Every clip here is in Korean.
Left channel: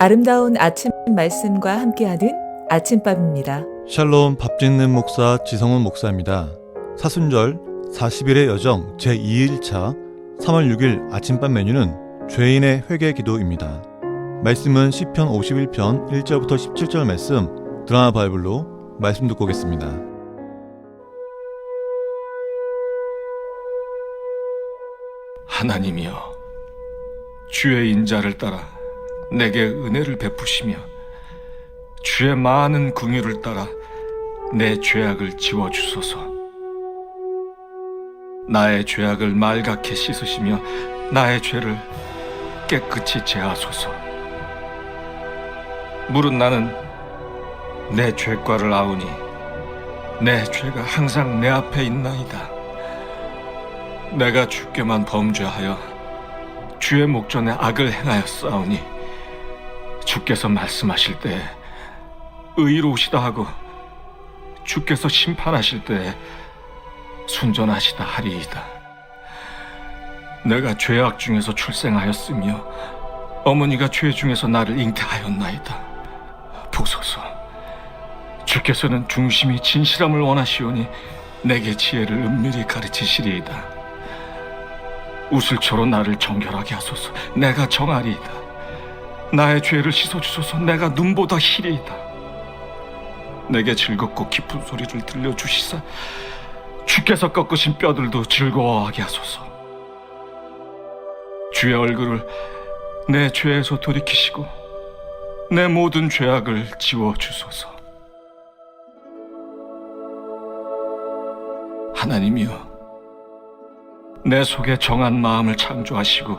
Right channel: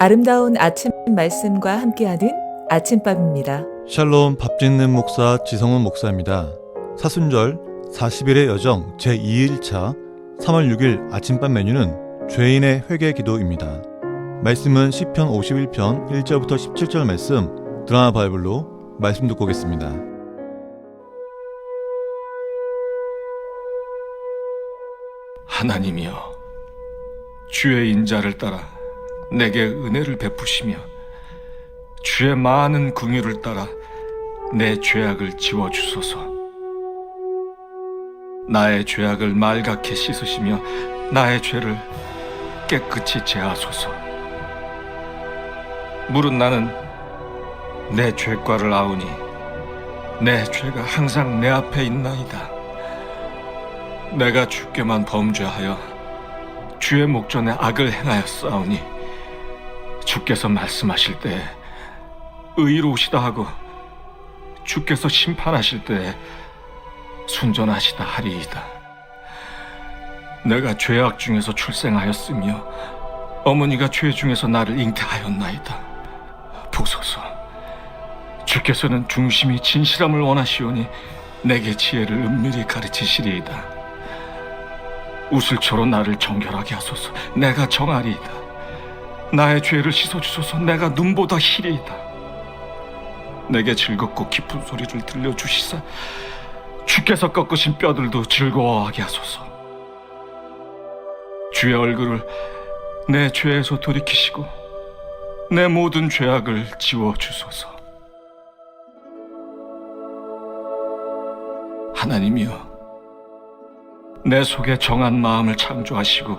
아름다운 아침 말씀과 함께하는 아침밥입니다. 샬롬 밥 짓는 목사 지성훈 목사입니다. 사순절 40일의 여정 제2일차 3월 6일 아침밥 메뉴는 죄인의 회개 기도입니다. 말씀은 시편 51편 1절부터 17절 말씀 드라마 바이블로 말씀 듣고 오겠습니다. 하나님이여 주의 인자를 따라 내게 은혜를 베푸시며 주의 많은 궁유를 따라 내 죄악을 지워 주소서. 나의 죄악을 말갛게 씻으시며 나의 죄를 깨끗이 제하소서. 물은 나는 내 죄과를 아우니 내 죄가 항상 내 앞에 있나이다. 내가 주께만 범죄하여 주의 목전에 악을 행하였사오니 주께서 말씀하실 때 의로우시다 하고 주께서 심판하실 때 순전하시다 하리이다. 내가 죄악 중에서 출생하였으며 어머니가 죄 중에서 나를 잉태하였나이다. 보소서, 주께서는 중심이 진실함을 원하시오니 내게 지혜를 은밀히 가르치시리이다. 우슬초로 나를 정결하게 하소서 내가 정하리이다 나의 죄를 씻어주소서. 내가 눈보다 희리이다. 내게 즐겁고 깊은 소리를 들려주시사 주께서 꺾으신 뼈들도 즐거워하게 하소서. 주의 얼굴을 내 죄에서 돌이키시고 내 모든 죄악을 지워주소서. 하나님이여 내 속에 정한 마음을 창조하시고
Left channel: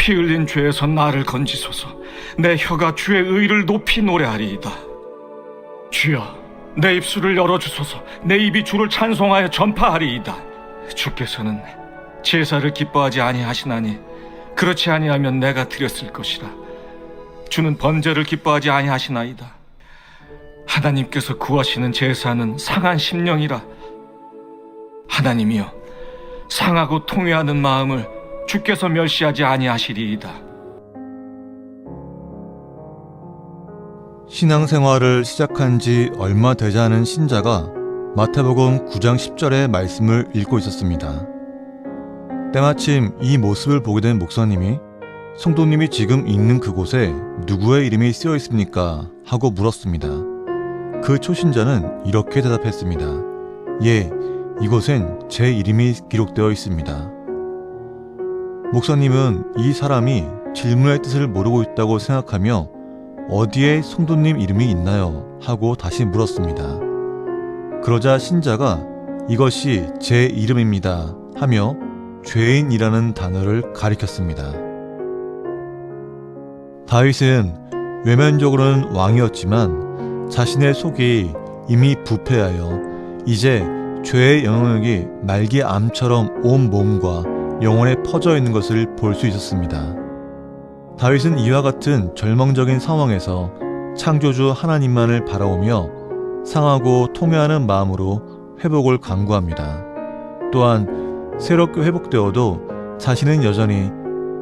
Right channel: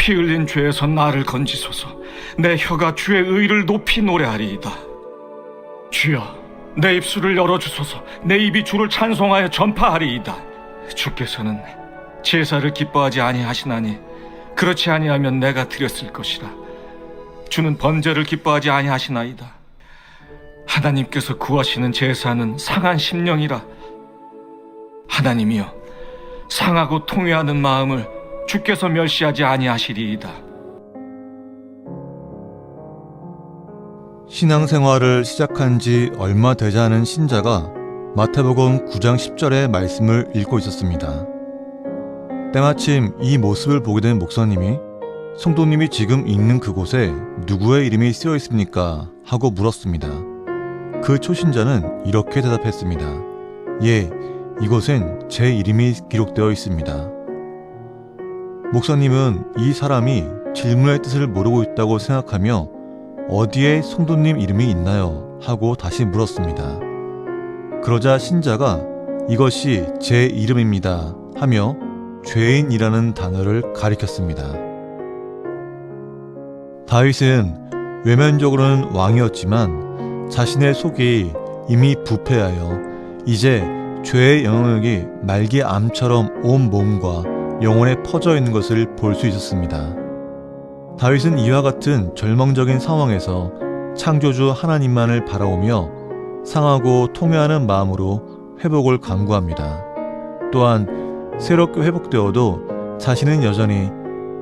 피 흘린 죄에서 나를 건지소서. 내 혀가 주의 의를 높이 노래하리이다. 주여 내 입술을 열어주소서. 내 입이 주를 찬송하여 전파하리이다. 주께서는 제사를 기뻐하지 아니하시나니 그렇지 아니하면 내가 드렸을 것이라. 주는 번제를 기뻐하지 아니하시나이다. 하나님께서 구하시는 제사는 상한 심령이라. 하나님이여 상하고 통회하는 마음을 주께서 멸시하지 아니하시리이다. 신앙생활을 시작한 지 얼마 되지 않은 신자가 마태복음 9장 10절의 말씀을 읽고 있었습니다. 때마침 이 모습을 보게 된 목사님이 성도님이 지금 있는 그곳에 누구의 이름이 쓰여 있습니까? 하고 물었습니다. 그 초신자는 이렇게 대답했습니다. 예, 이곳엔 제 이름이 기록되어 있습니다. 목사님은 이 사람이 질문의 뜻을 모르고 있다고 생각하며 어디에 성도님 이름이 있나요? 하고 다시 물었습니다. 그러자 신자가 이것이 제 이름입니다. 하며 죄인이라는 단어를 가리켰습니다. 다윗은 외면적으로는 왕이었지만 자신의 속이 이미 부패하여 이제 죄의 영향력이 말기 암처럼 온 몸과 영혼에 퍼져 있는 것을 볼 수 있었습니다. 다윗은 이와 같은 절망적인 상황에서 창조주 하나님만을 바라오며 상하고 통회하는 마음으로 회복을 강구합니다. 또한 새롭게 회복되어도 자신은 여전히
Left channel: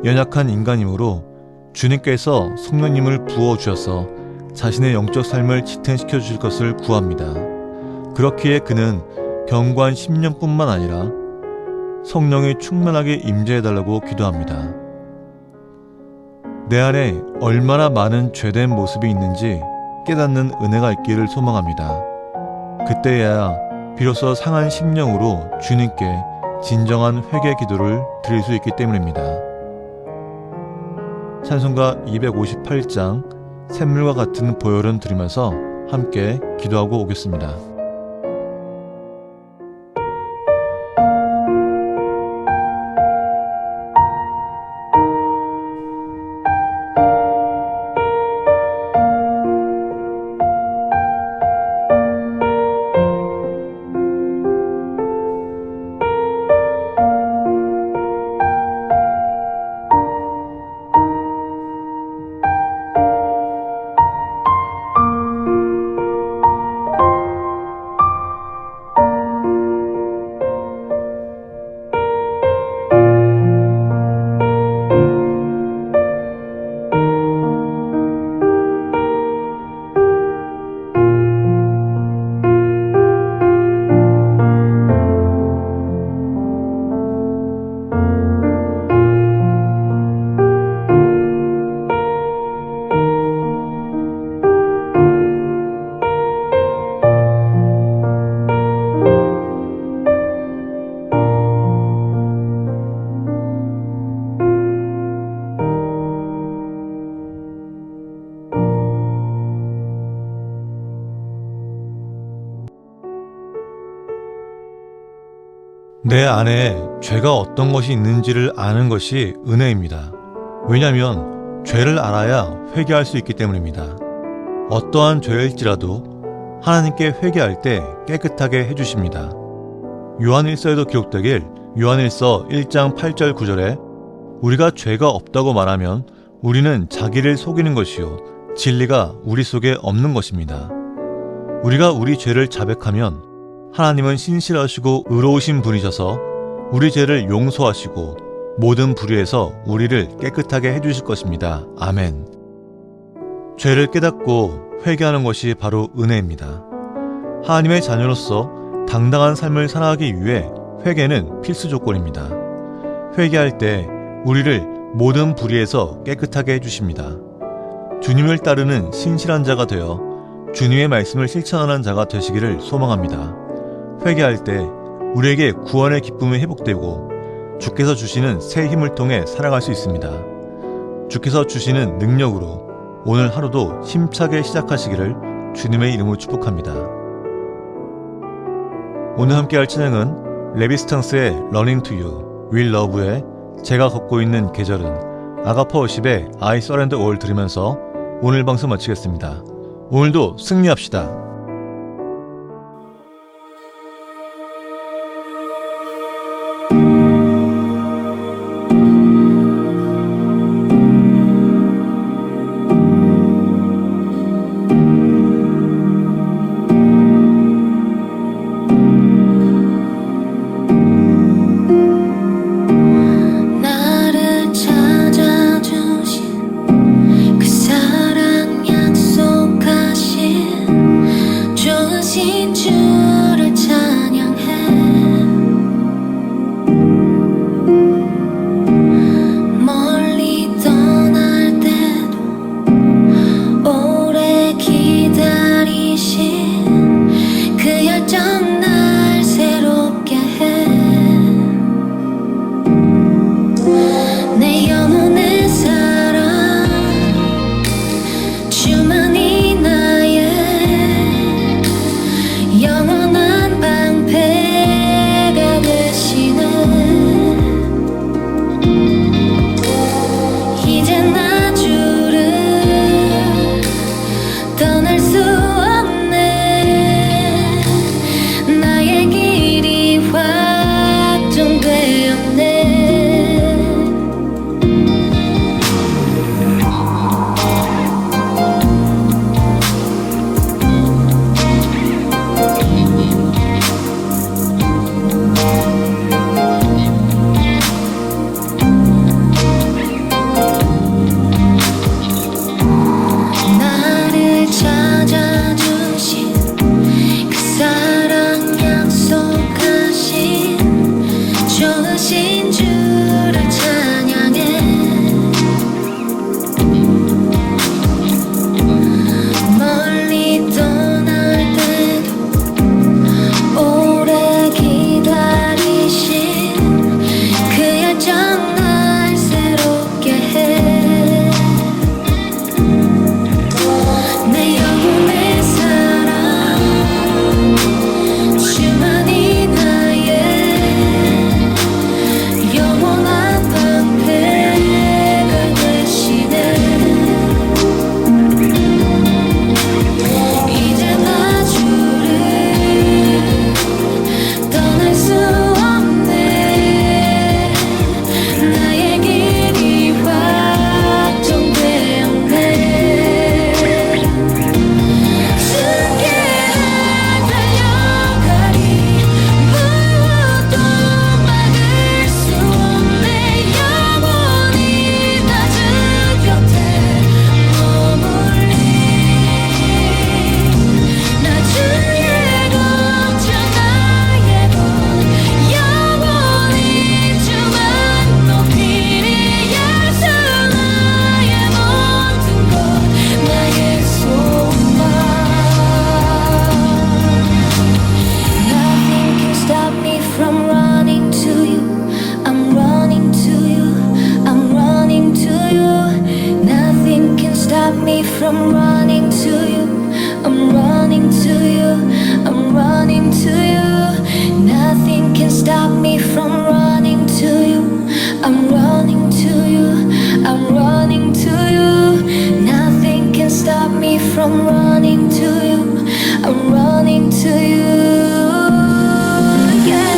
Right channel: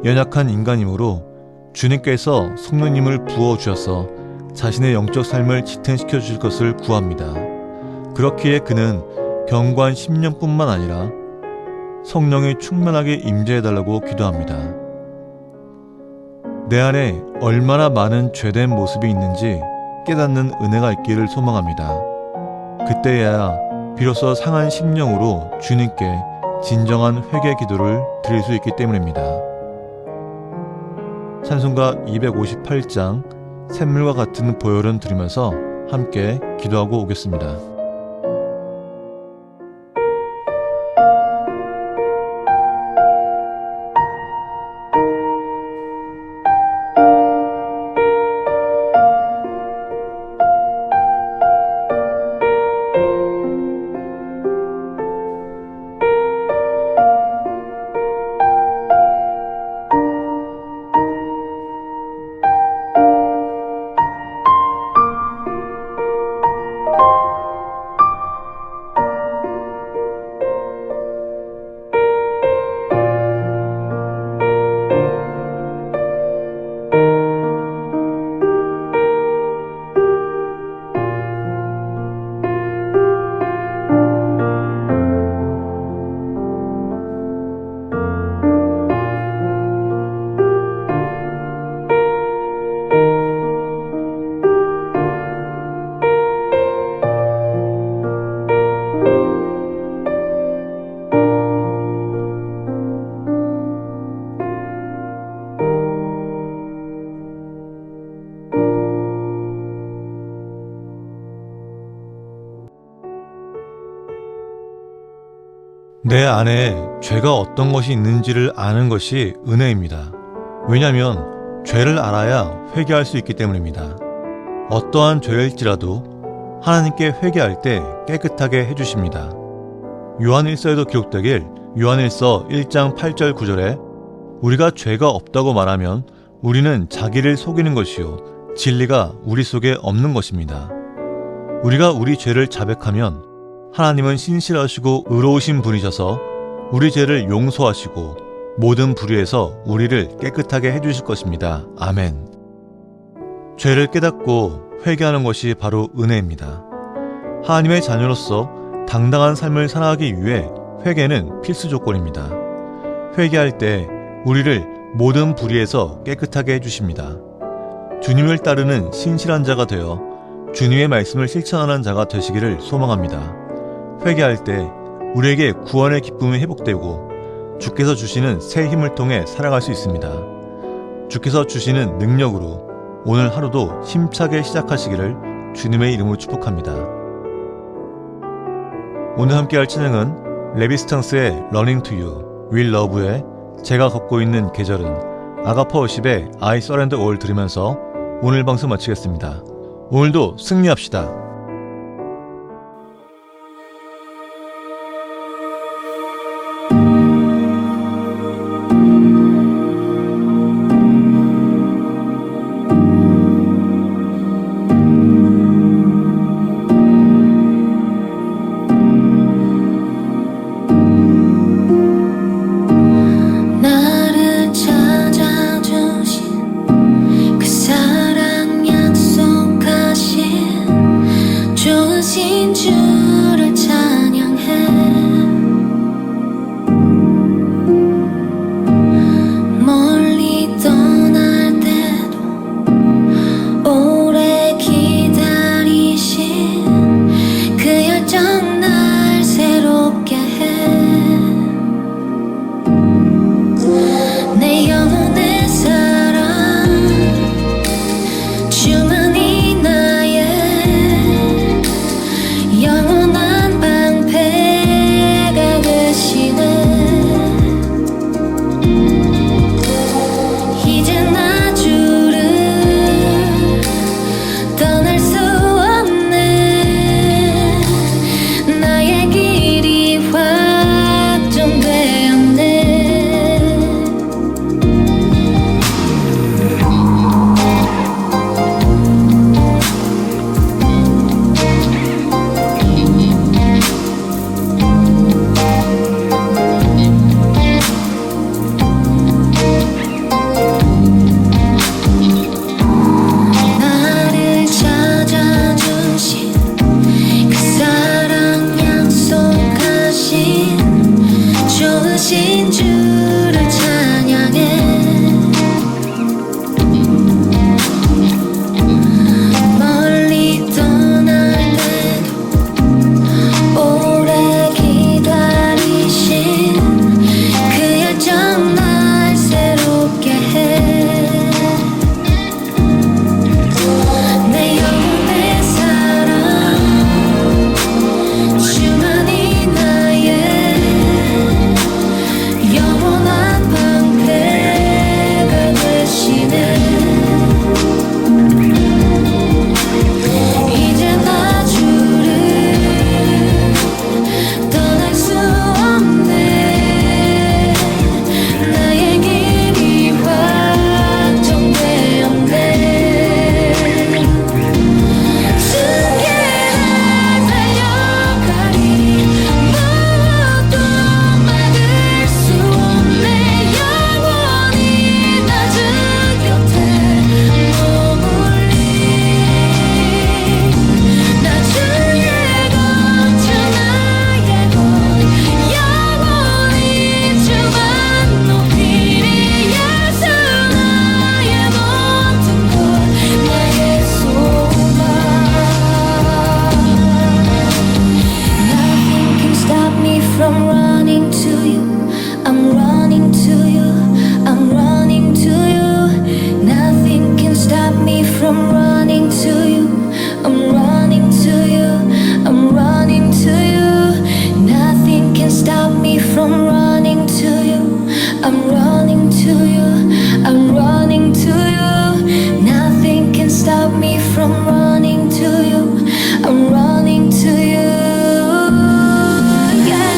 연약한 인간이므로 주님께서 성령님을 부어 주셔서 자신의 영적 삶을 지탱시켜 주실 것을 구합니다. 그렇기에 그는 경관 10년뿐만 아니라 성령이 충만하게 임재해달라고 기도합니다. 내 안에 얼마나 많은 죄된 모습이 있는지 깨닫는 은혜가 있기를 소망합니다. 그때야 비로소 상한 심령으로 주님께 진정한 회개 기도를 드릴 수 있기 때문입니다. 찬송가 258장 샘물과 같은 보혈은 들으면서 함께 기도하고 오겠습니다. 내 안에 죄가 어떤 것이 있는지를 아는 것이 은혜입니다. 왜냐하면 죄를 알아야 회개할 수 있기 때문입니다. 어떠한 죄일지라도 하나님께 회개할 때 깨끗하게 해주십니다. 요한일서에도 기록되길 요한일서 1장 8절 9절에 우리가 죄가 없다고 말하면 우리는 자기를 속이는 것이요 진리가 우리 속에 없는 것입니다. 우리가 우리 죄를 자백하면 하나님은 신실하시고 의로우신 분이셔서 우리 죄를 용서하시고 모든 불의에서 우리를 깨끗하게 해주실 것입니다. 아멘. 죄를 깨닫고 회개하는 것이 바로 은혜입니다. 하나님의 자녀로서 당당한 삶을 살아가기 위해 회개는 필수 조건입니다. 회개할 때 우리를 모든 불의에서 깨끗하게 해주십니다. 주님을 따르는 신실한 자가 되어 주님의 말씀을 실천하는 자가 되시기를 소망합니다. 회개할 때 우리에게 구원의 기쁨이 회복되고 주께서 주시는 새 힘을 통해 살아갈 수 있습니다. 주께서 주시는 능력으로 오늘 하루도 힘차게 시작하시기를 주님의 이름으로 축복합니다. 오늘 함께할 찬양은 레비스탕스의 to You, Will Love의 제가 걷고 있는 계절은 아가퍼 50의 I Surrender All 들으면서 오늘 방송 마치겠습니다. 오늘도 승리합시다. 좋으신 주를 찬양해. 멀리 떠날 때도 오래 기다리신 그 열정 날 새롭게 해. 내 영혼 그 stop me from running to you I'm running to you I'm running to you Nothing can stop me from running to you. I'm running to you. I'm running to you. Nothing can stop me from running to you. I'm running to you. Yeah.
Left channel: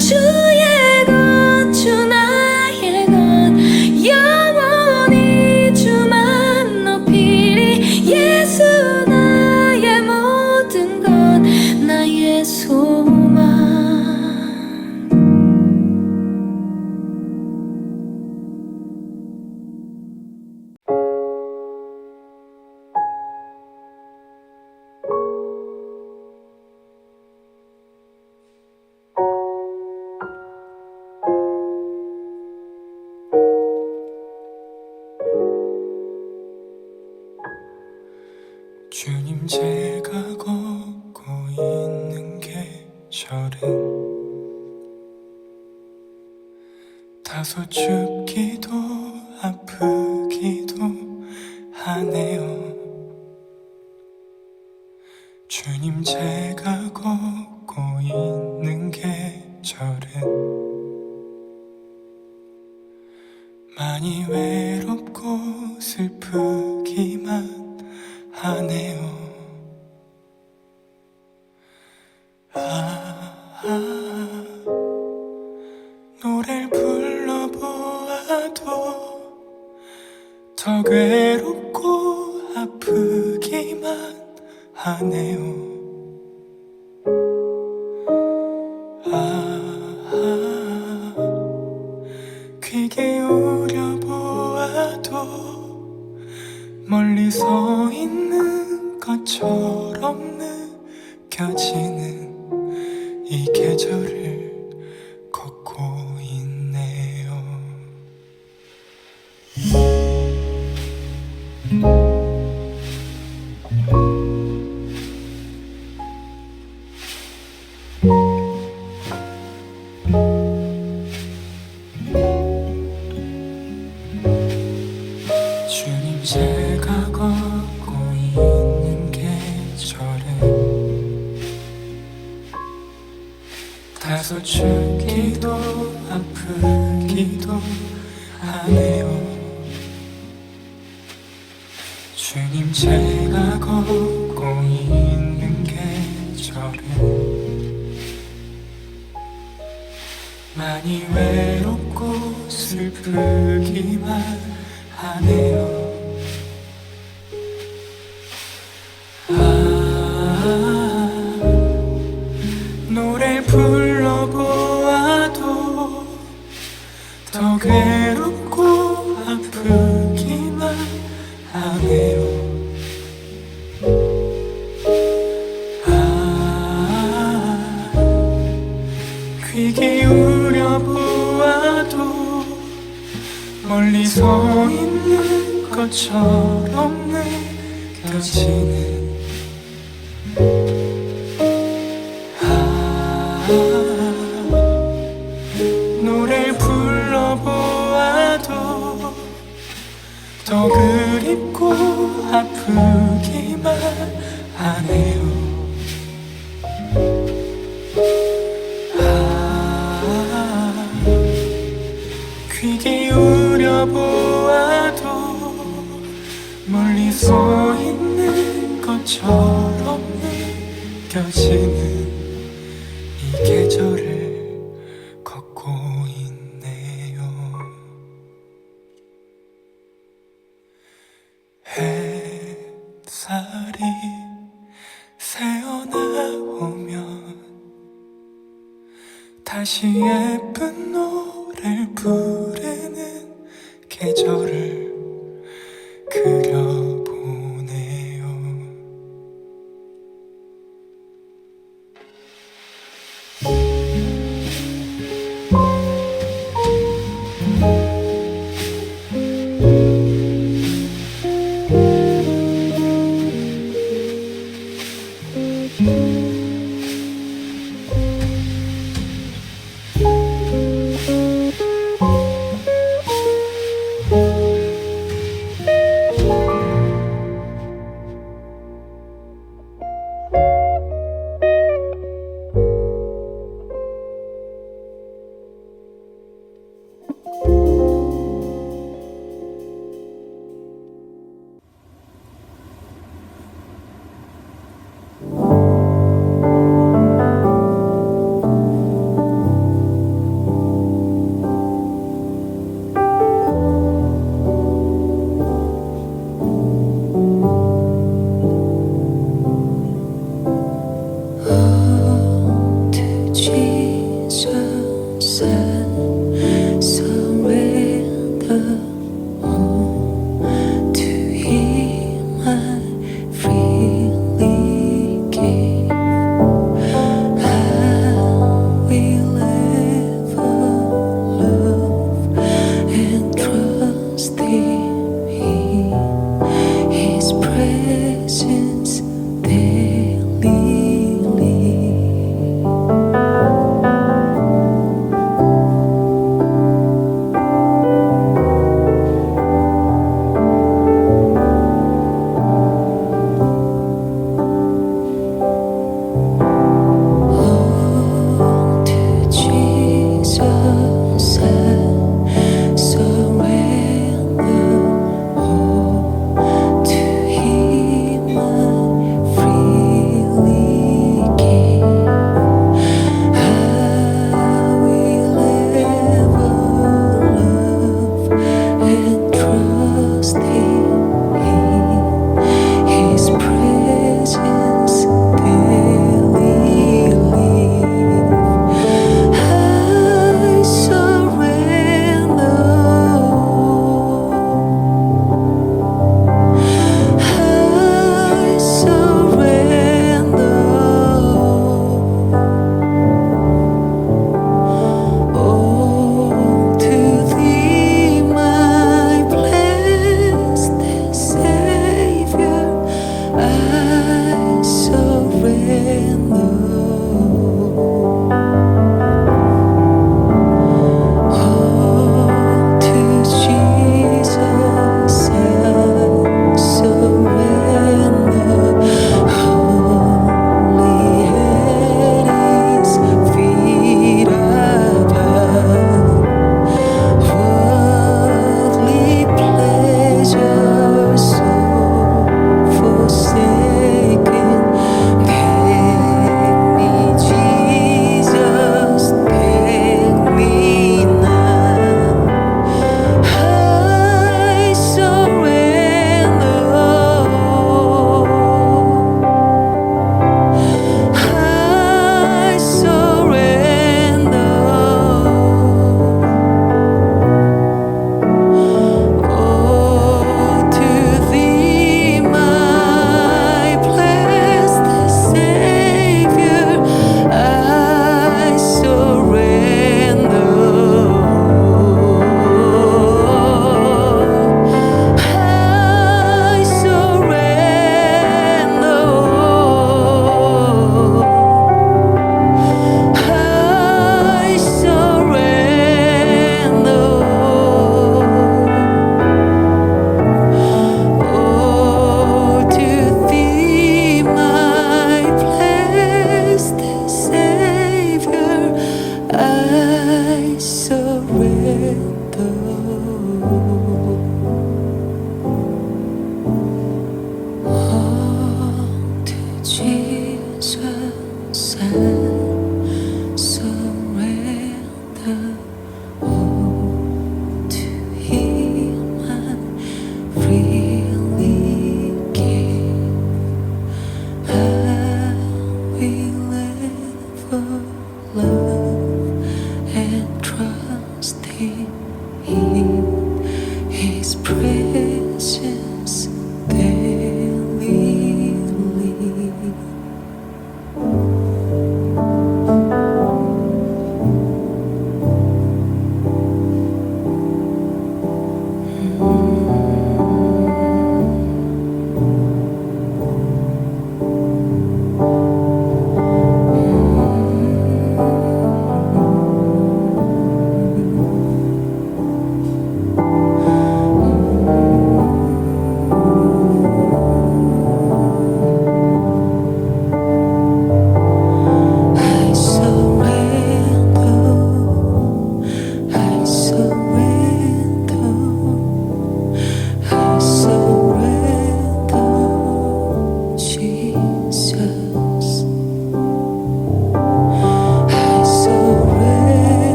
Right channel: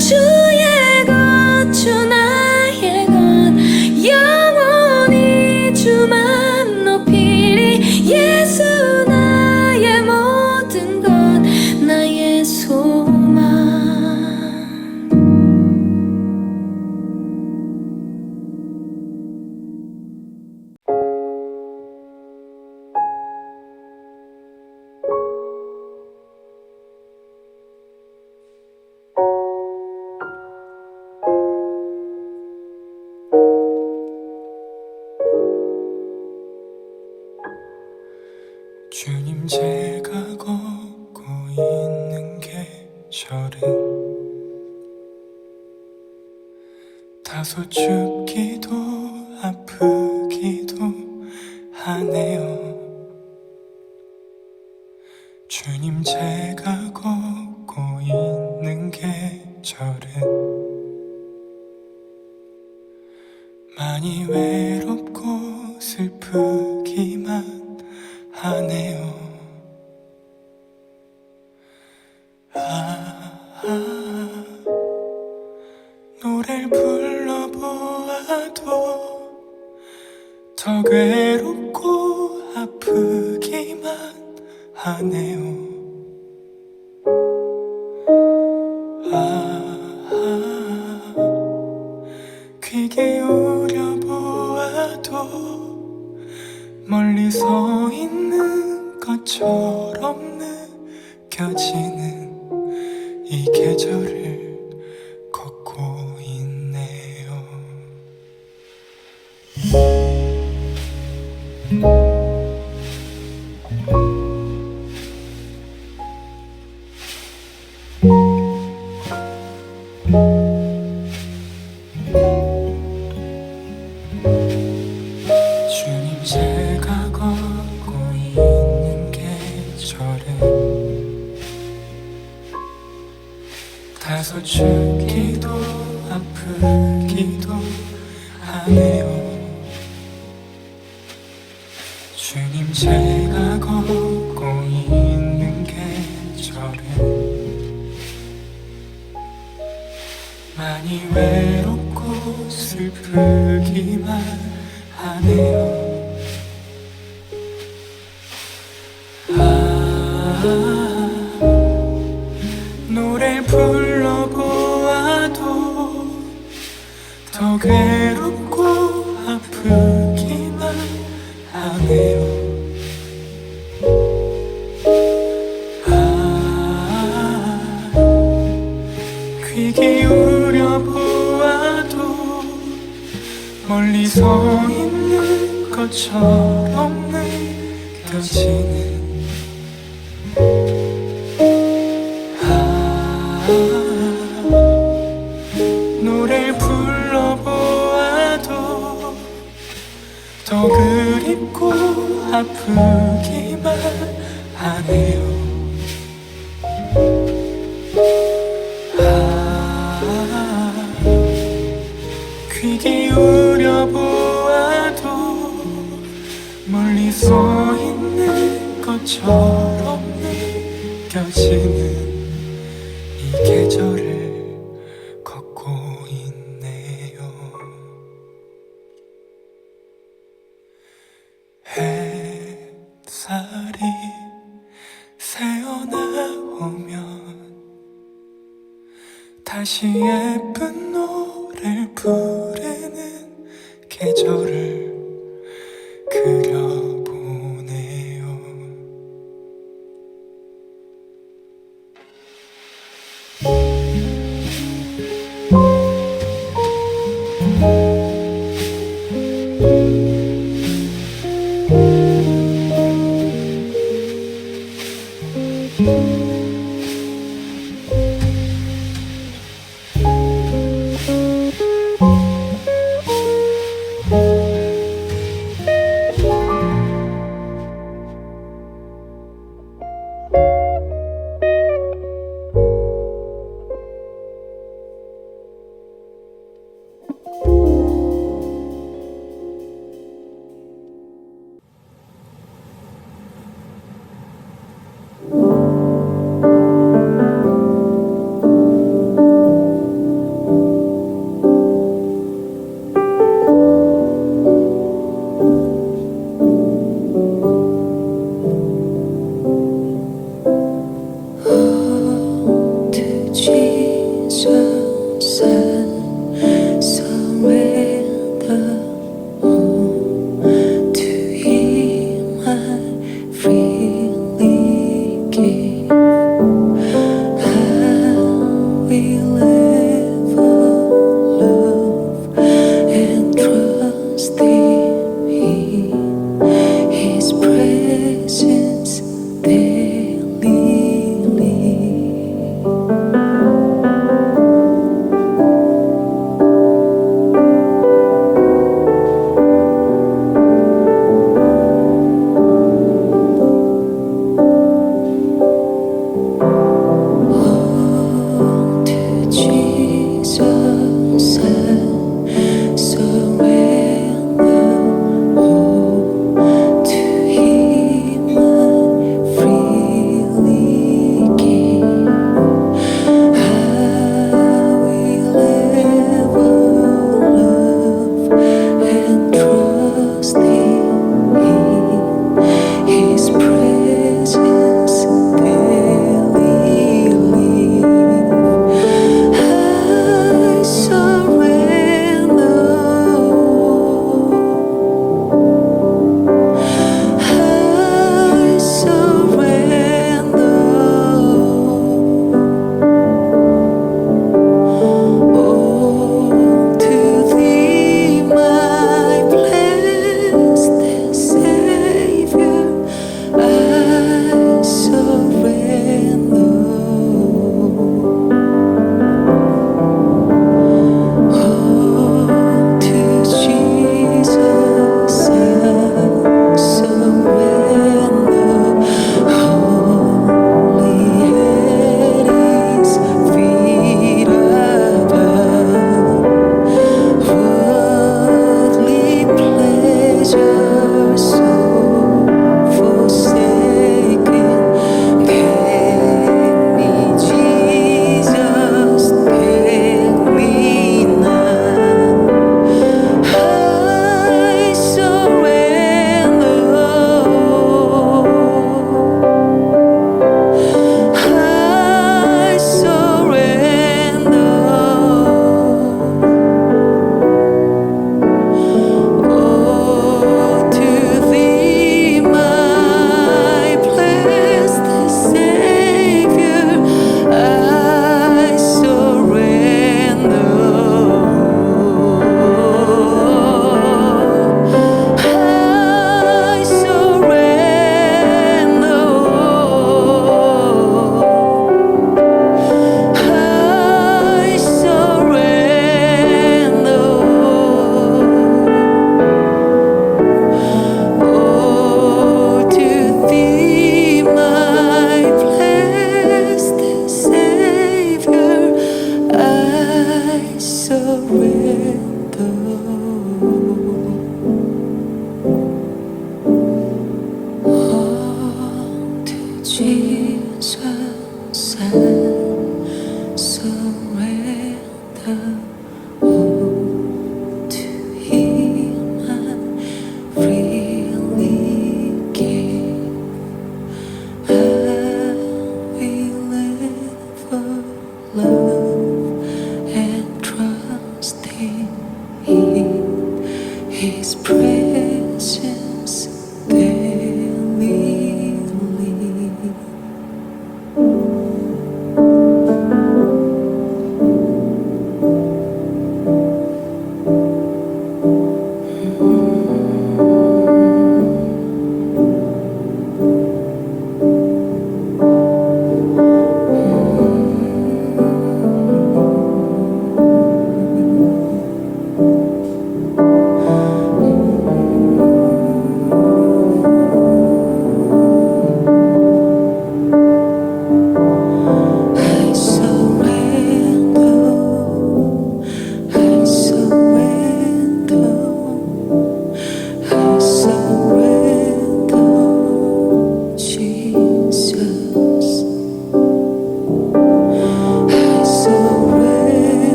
주의 제가 걷고 있는 계절은 다소 춥기도 불러보아도 더 괴롭고 아프기만 하네요. 아, 아귀 기울여 보아도 멀리 서 있는 것처럼 느껴지는 이 계절을 춥기도 아프기도 하네요 주님 제가 걷고 있는 계절은 많이 외롭고 슬프기만 하네요. 더 괴롭고 아프기만 하네요 아, 귀 기울여 보아도 멀리 서 있는 것처럼 느껴지네. 아프기만 하네요. 아, 귀 기울여 보아도 멀리 서 있는 것처럼 느껴지는 이 계절을 다시 예쁜 노래를 부르는 계절을 그려보네요. Uh... 的